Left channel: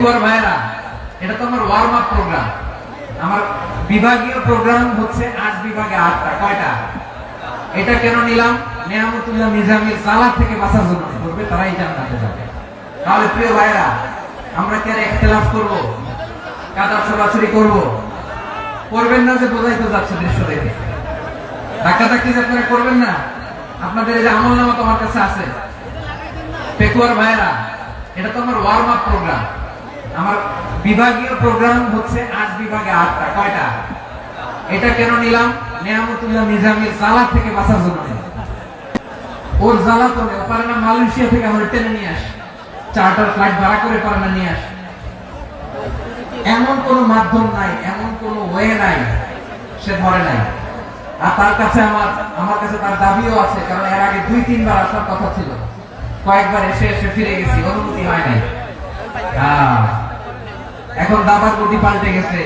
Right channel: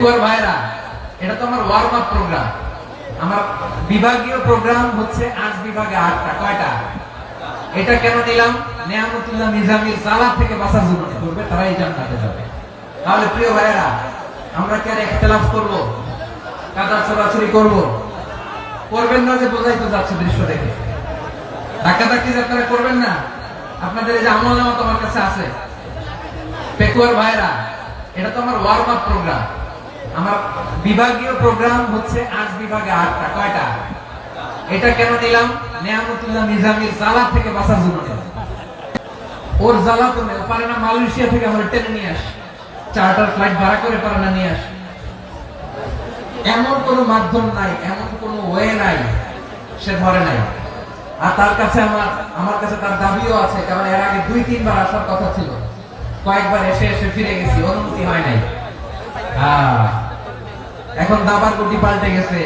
ভাইরা করবে করবেন না যে বোঝাই তো যাচ্ছে দৃশ্য দেখে ধাক্কা ধাক্কি যে আপনারা করবেন না, আপনাদের এই যে আমল নামা তোমার কাছে আছে। পেকুয়ার ভাইরা, এটা তো আমার ওয়ার্ম আপ প্রোগ্রাম আমার বিভাগীয় প্রোগ্রাম হচ্ছে আট বিভাগে আটটা, কয়টা? এটা কেন নিলাম? নেহামতুল্লাহ নিজামীর জ্বালা থেকে বাঁচার জন্য। ওর জ্বালা তো পারে না মালয়েশিয়া থেকে আমার টেনে নিয়ে আসে। চার্টার ফ্লাইট ভাড়া করে পারে না নিয়ে আসে। এমন কোন মাধ্যম নাই, এমন কোন ওয়ে নাই, সে ধরে নাই। আর তার কাছে আমার আমার কাছে তার দাবিও আছে, কারণ এর আগে দুই, তিনবার আসার কথা ছিল। কয়েকবার এসে এসে ফিরে গেছি, অনুমতি হয় নাই। এখন দাবার গতি পাল্টে গেছে।